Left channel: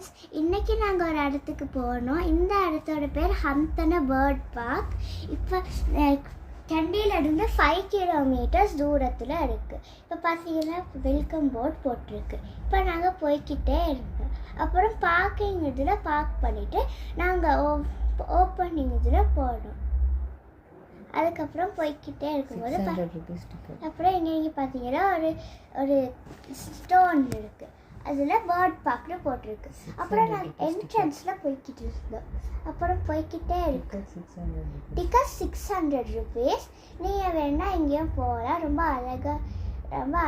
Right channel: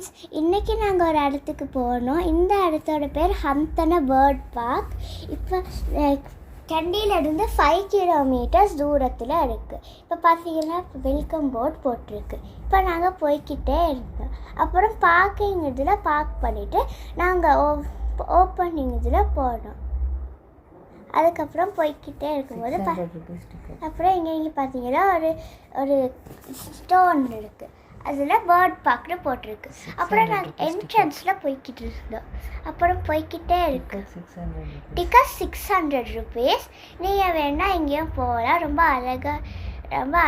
Friends, இன்றைக்கி நாங்கள் ஒரு இடத்துக்கு போனோம். இந்த இடத்தோட பேர் ஹந்தன பேர்ட் பார்க். இப்போ கண்டியிலேருந்து 5 கிலோமீட்டர்ஸ் தூரத்தில் இருக்குது. இப்போ பார்த்தீங்கன்னா வெல்கம் போர்ட் போட்டிருக்கு. இப்போ நாங்கள் போய்கிட்டே இருந்தோம். அப்புறம் பார்க்கிங் இதில் பார்க் பண்ணிவிட்டு நாங்கள் ஓப்பனிங் இதில் போனோம். அதுக்கப்புறம் போய்கிட்டே இருக்கும்போது அப்புறம் இங்கே பார்த்தீங்கன்னா ஒரு ஸ்டோன் இருக்குது. அதில் பேர்ட் பார்க்னு போட்டிருக்கு. அப்புறம் நாங்கள் என்ட்ரன்ஸில் போய்கிட்டு இருந்தோம். அப்புறம் போய்கிட்டே இருக்கு. Ticket 600 rupees. நீங்கள் வேணால் எங்கேயும் போகலாம். ரொம்ப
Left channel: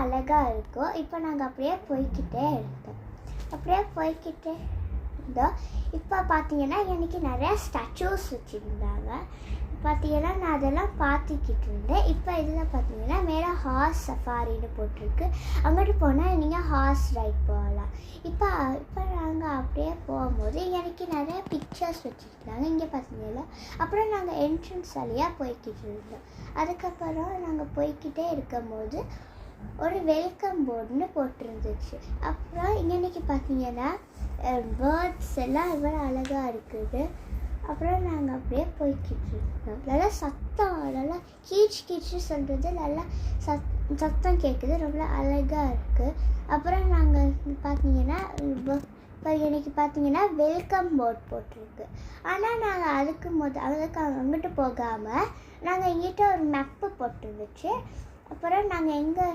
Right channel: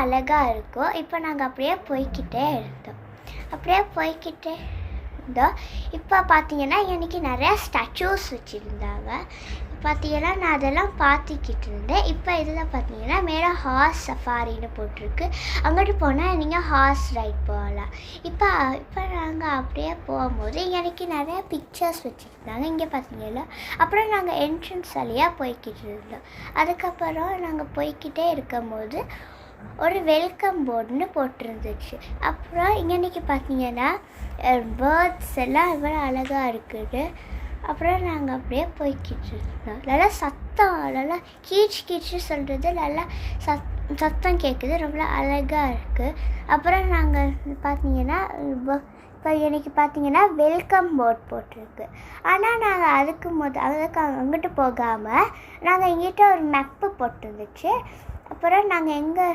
அழகாக இருக்கும். இப்போ நாங்கள் அப்படியே போய்கிட்டே இருந்தோம். இப்போ பார்த்தீங்கன்னா இன்றைக்கி நிறையா ஸ்டாச்சூஸ் வச்சுருந்தாங்க. பார்த்தீங்கன்னா நான் அதெல்லாம் பார்த்துக்கிட்டு இருந்தேன். இப்போ இதில் பார்த்தீங்கன்னா மேலே ஹார்ஸ் சஃபாரின்னு போட்டிருக்கு. அங்கிட்டு போனால் நீங்கள் ஹார்ஸ் ரைட் போகலாம். இப்போ நாங்கள் அப்படியே போகும்போது எனக்கு நிறையா பிக்சர்ஸ் வச்சுருந்தாங்க. இங்கே பார்த்தீங்கன்னா அப்புறம் நாங்கள் என்ட்ரன்ஸ் வழியாக போய்கிட்டு இருந்தோம். அதுக்கப்புறம் நாங்கள் போய்கிட்டே இருக்கும்போது ஒரு வெல்கம் போர்டுன்னு போட்டிருந்துச்சு. அப்புறம் இன்றைக்கி பார்த்தீங்கன்னா பேர்ட்ஸ் எல்லாம் இவ்வளோ அழகாக இருக்குது. அப்புறம் நாங்கள் அப்படியே போய்கிட்டு இருந்தோம். நல்லா சத்தம், நல்லா கீச்சு சொல்கிறது நல்லா சத்தம் கேட்குது. ரொம்ப அழகாக இருக்குது. அப்புறம் நாங்கள் பார்த்தீங்கன்னா இப்போ எனக்கு பார்த்தீங்கன்னா வெல்கம் போர்ட் போட்டிருக்கு. ஆனால் நாங்கள் அதுக்கு அங்கிட்டு போகாமல் நாங்கள் எங்கிட்ட ஒரு மெப்பு போட்டுருந்துச்சு. அப்புறம் நாங்கள் எங்கே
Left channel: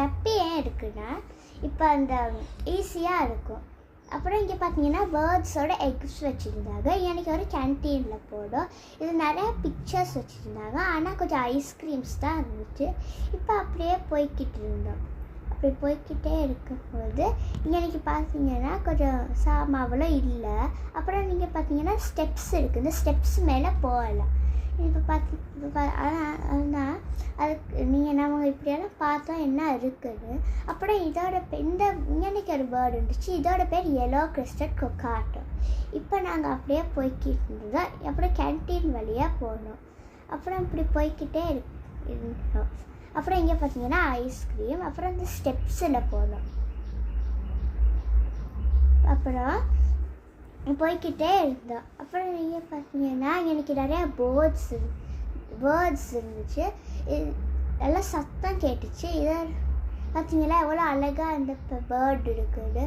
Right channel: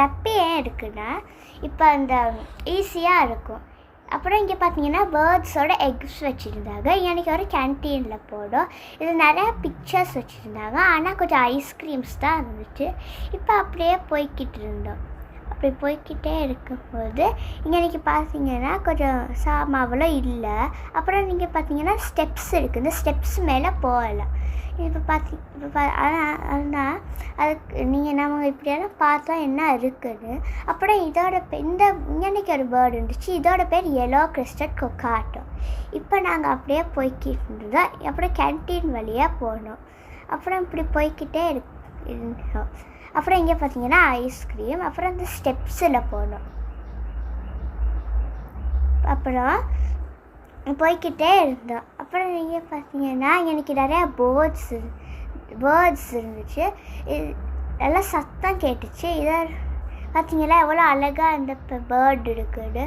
மெப்பு ஏன் இருக்குன்னா இப்போ அந்த ஈஸியாக இருக்கும். அப்புறம் இங்கே பார்த்தீங்கன்னா பேர்ட்ஸோட எக்ஸ் வச்சுருந்தாங்க. எனக்கு ஒரு கேன்டீனில் போடும். இது நிறையா பிக்சர்ஸ் வச்சுருந்தாங்க. ஆனால் கொஞ்சம் ஐஸ்கிரீம்ஸ் தான் இருந்துச்சு. இப்போ அப்படியே போய்கிட்டு இருந்தோம். அப்படி போய்கிட்டே இருக்கும்போது இன்றைக்கி பார்த்தீங்கன்னா கொஞ்சம் சாமாவெல்லாம் இல்லை. அப்புறம் நீங்கள் பார்த்தீங்கன்னா ஸ்டெப்ஸ் இருக்குது. இந்த ஸ்டெப்ஸ் மேலே போகலாம். இப்போ ஆனால் அதுக்கு நம்ம இப்படியெல்லாம் பார்த்தா என்ன இருக்குது. அப்புறம் இன்றைக்கி ஒரு பேர்டு இருந்துச்சு. இதோட பேர் எல்லோ கிறிஸ்டட் கொக்காட்டோ. இப்போ நாங்கள் அப்படியே போய்கிட்டு இருந்தோம். அப்புறம் கேன்டீன் வழியாக போனோம். அப்புறம் இப்படி போய்கிட்டே இருந்தோம். அப்புறம் இங்கே பார்த்தீங்கன்னா ஐஸ்கிரீம். அப்புறம் இந்த ஸ்டெப்ஸில் போனோம். அப்புறம் போய்கிட்டே இருந்தோம். அப்புறம் நீங்கள் பார்த்தீங்கன்னா எனக்கு நிறையா பேர்ட்ஸ் இருந்துச்சு. நல்லா சத்தம் கேட்டுச்சு. இதை பார்த்தீங்களா எவ்வளோ அழகாக இந்த பேர்டு இருக்குது.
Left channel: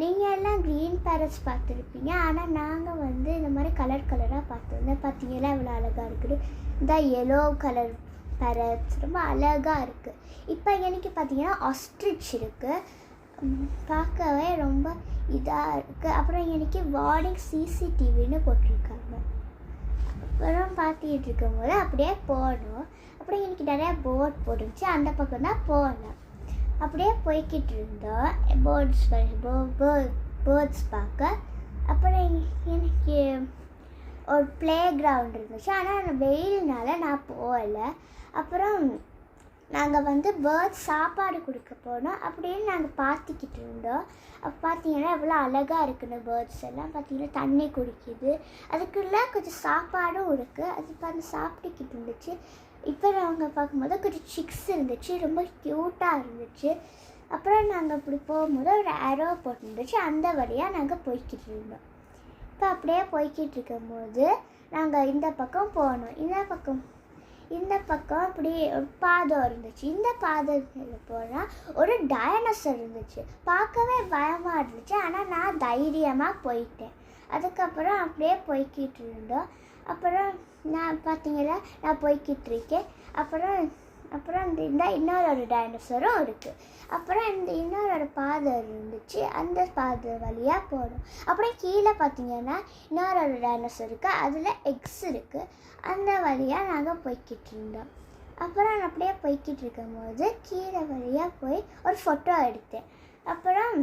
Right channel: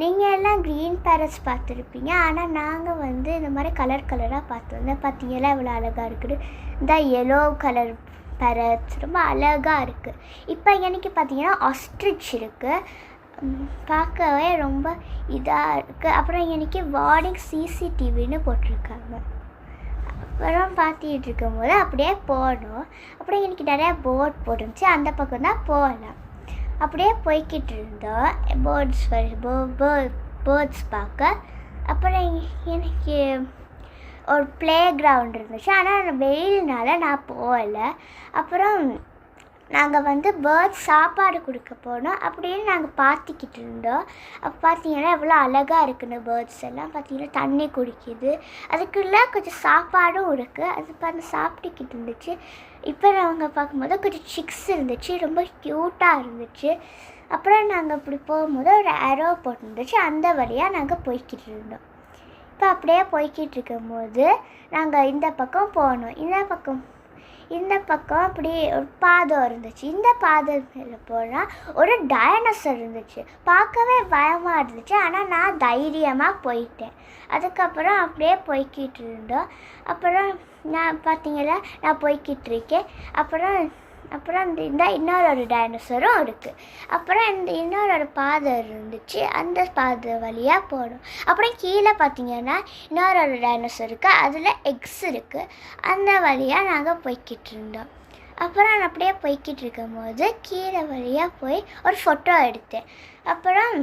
நீங்கள் எல்லாம் க்ரீன் பேரட்ஸ் பார்த்துருப்பீங்க. ஆனால் நாங்கள் இந்த மாதிரி கலராக பார்த்தோம். பார்த்தீங்களா எவ்வளோ அழகாக இருக்குது. இந்த எல்லோ கலர் பேரட்ஸ் ரொம்ப அழகாக இருக்குது. இப்போ எனக்கு பார்த்தீங்கன்னா ஆஸ்ட்ரிச் இருக்குது. பார்க்கவே ரொம்ப இதாக இருக்குது. அப்புறம் எனக்கு வார்னிங் சிசிடிவின்னு போட்டிருக்காங்க. அப்புறம் பார்த்துக்கிட்டு இருக்கும்போது அப்படியே போனோம். அப்புறம் எனக்கு நிறையா போட் போட்டுருந்துச்சு. அந்த பக்கம் தான் போகலாம். அப்படியே போய்கிட்டு இருந்தோம் பேர்ட்ஸ் பார்க்க. அப்புறம் எனக்கு ஒரு ப்ளே கிரவுண்ட் இருந்துச்சு. ஆனால் வெயில்னால நான் போகலை. அப்புறம் நாங்கள் பேர்ட்ஸ் சாப்பாடு கொடுக்க போனோம். அப்படின்னு நாங்கள் பார்த்துக்கிட்டு இருந்தோம். அப்போ பார்த்தீங்கன்னா எவ்வளோ அழகாக இருக்குன்னு பேர்ட்ஸ் எல்லாம் பார்த்தீங்கன்னா தண்ணி குடிக்குது. அதுக்குள்ளே கொஞ்சம் சாப்பாடும் இருக்குது. அது சாப்பிட்டுக்கிட்டு இருந்துச்சு. இப்போ நாங்கள் பார்க்கும்போது கொஞ்சம் சிக்ஸ் இருந்துச்சு. ரொம்ப க்யூட்டாக இருந்துச்சு. அப்புறம் நாங்கள் இப்படி போகும்போது ஒரு ஏரோ போட்டுருந்துச்சு. அந்த வழியாக நாங்கள் போய்கிட்டு இருந்தோம். இப்போ அப்படியே போய்கிட்டு இருக்கும்போது நாங்கள் இந்த பக்கம் போனோம். இந்த பக்கம் அப்படி ஒரு பாதை இருந்துச்சு. இந்த பாதை மேலே போனால் ஒரு டைனோசர் இருந்துச்சு. பார்க்கவே பயமாக இருந்துச்சு. ஆனால் நான் தைரியமாக போயிட்டேன். அதுக்கப்புறம் அப்படியே போய்கிட்டு இருந்தோம். அப்புறம் பார்த்தீங்களா நான் போய்கிட்டு இருக்கேன். அப்புறம் இந்த இன்னொரு டைனோசரும் இருக்குது. அப்புறம் இன்னொரு பாதை இருந்துச்சு. அந்த பாதை வழியாக போடும். அப்புறம் கீழே பார்த்தீங்கன்னா இன்னொரு டைனோசர் இருக்குது. அதில் எக்ஸ் இருக்குது. அந்த வழியாக நாங்கள் போய்கிட்டு இருந்தோம். அப்புறம் நான் அப்படியே போய்கிட்டு இருக்கும்போது கீழே வழியாக போய் ஒரு ஃபோட்டோ எடுத்தேன். அப்புறம்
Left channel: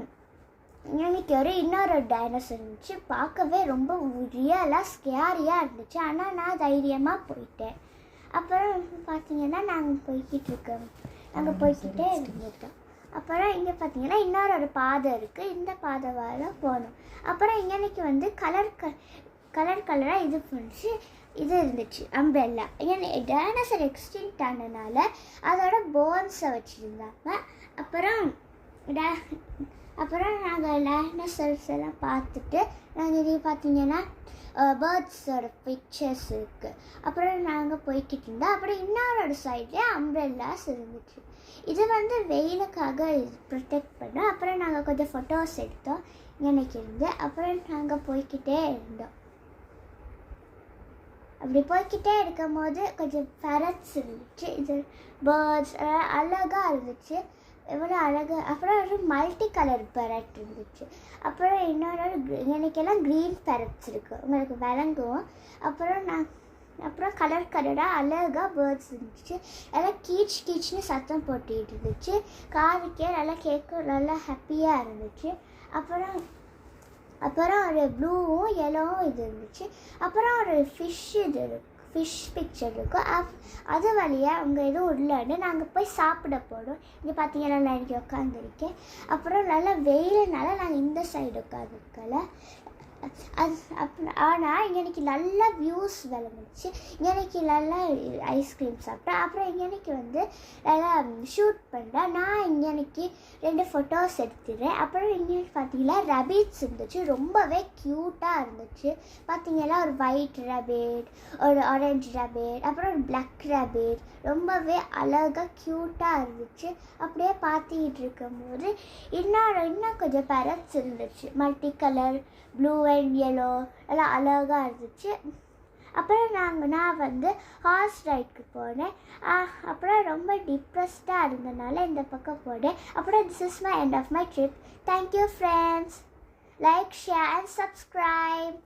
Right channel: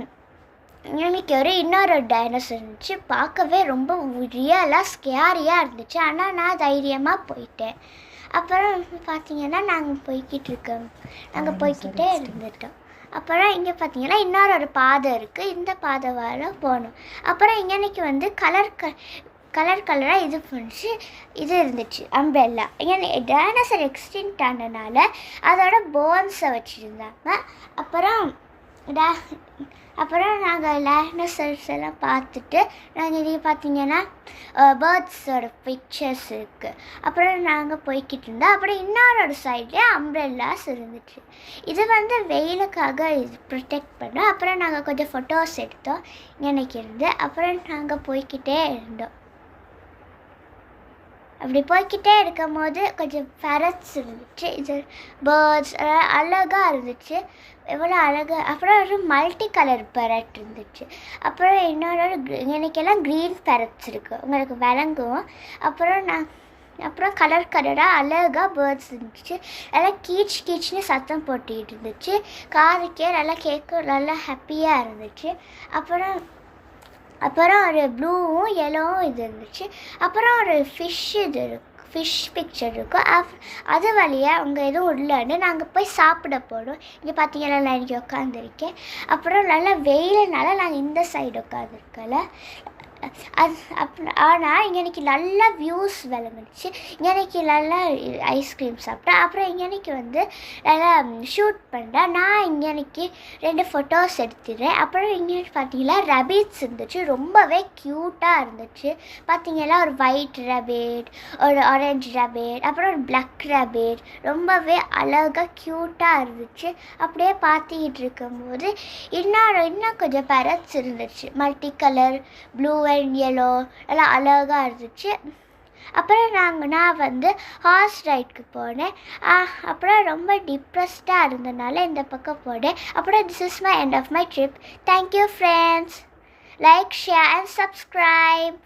எனக்கு இன்னொரு டைனோசர் இருந்துச்சு. பார்க்கவே ரொம்ப ரியலாக ஸ்கேரியாக இருந்துச்சு. ஆனால் நான் தைரியமாக போயிட்டேன். அப்புறம் பார்த்தீங்கன்னா நாங்கள் போய்கிட்டே இருந்துட்டோம். அப்புறம் இங்கே பார்த்தீங்கன்னா இன்னொரு பாதை இருக்குது. இந்த பாதை வர போனோம். அப்புறம் இன்றைக்கி கலராக இது இருந்துச்சு அம்ப்ரெல்லா. ஏன்னா டைனோசர் எக்ஸ்டிங்க்ட் ஆனதுனால அதோட போன்ஸை வச்சுருந்தாங்க. அப்புறம் அப்புறம் நாங்கள் டைனோசர்ஸ் எல்லாம் பார்த்துட்டு நாங்கள் இதை பார்த்தீங்கன்னா பேர்ட்ஸோட பிக்சர்ஸ் இருக்குது. அப்புறம் நாங்கள் போய்கிட்டு இருந்தோம். அப்புறம் இன்னொரு சைட்லேயே அம்ப்ரெல்லாஸ் இருந்துச்சு. இது வெயிலுக்காக இது ப்ரொடெக்ட் பண்ணோம். அப்புறம் நாங்கள் கொஞ்சம் ஃபோட்டோஸ் எடுத்தோம் எனக்கு இருந்து. அப்புறம் நாங்கள் போய்கிட்டே இருந்தோம். அப்படி போய்கிட்டே இருக்கும் போது கொஞ்சம் ஃபெரட்ஸ் இருந்துச்சு. இது பேர்ட்ஸ் அழகாக இருந்துச்சு, எவ்வளோ அழகாக. அப்புறம் ஒரு மல்டி கலர் பெரட் இருந்துச்சு. அப்புறம் இன்னொரு எனக்கெல்லாம் க்ரீன் பெரட்ஸ் இருக்குது, உங்களுக்கு விளங்கும். அப்புறம் கலர் கலராக அழகாக பேர்ட்ஸ் இருந்துச்சு. நல்லா கீச்சுன்னு சத்தம் போட்டுக்கிட்டு இருந்துச்சு. காதுக்கே நல்லா கேட்க நல்லா ஹாப்பியாக இருந்துச்சு. அப்புறம் ஒரு ப்ளூவும் எல்லோவும் இது இருந்துச்சு. அப்புறம் ஒரு ஃபிஷ் பிக்சர் இருக்கும். அது வழியாக அவங்க எதுவும் இல்லைன்னு நாங்கள் போய் சாப்பிட போனோம். இங்கே பார்த்தீங்கன்னா நான் இங்கே உட்காந்துருக்கேன். அப்புறம் நல்லா வெயிலுனால நாங்கள் இந்த சைடு உட்காந்துருக்கல. ஆனால் இன்றைக்கி நல்லா வியூஸ் விளங்குச்சு. இன்றைக்கி நல்லா ஐஸ்கிரீம் சாப்பிட்டேன். அப்புறம் இன்றைக்கி நல்லா ஷூட் பண்ணுறேன். நான் இன்றைக்கி 2 ஃபோட்டோஸ் எடுத்துடுறேன். அப்புறம் இங்கே பார்த்தீங்கன்னா ரபிட்ஸ் இருந்துச்சு, ரொம்பவே க்யூட்டாக இருந்துச்சு. பார்த்தீங்கன்னா ஒரு ஒயிட் ரபிட், ஒரு ஆரஞ்சு ரபிட், அப்புறம் ஒரு பிளாக் ரபிட், ரொம்பவே அழகாக க்யூட்டாக இருந்துச்சு. அப்படியே பார்த்துக்கிட்டு இருக்கும்போது இன்னும் கொஞ்சம் பேரட்ஸ் இருந்துச்சு, multi colour blue and yellow, எல்லாம் அழகாக இருந்துச்சு. அப்புறம் நான் ஹார்ஸ் ரைடுக்கு போனேன். அப்புறம் ரொம்ப டிப்ரெஸ்டாக இருந்தனால இந்த பக்கம் போனேன். அப்புறம் this is my end of my trip. Thank you friends. Like, share and subscribe.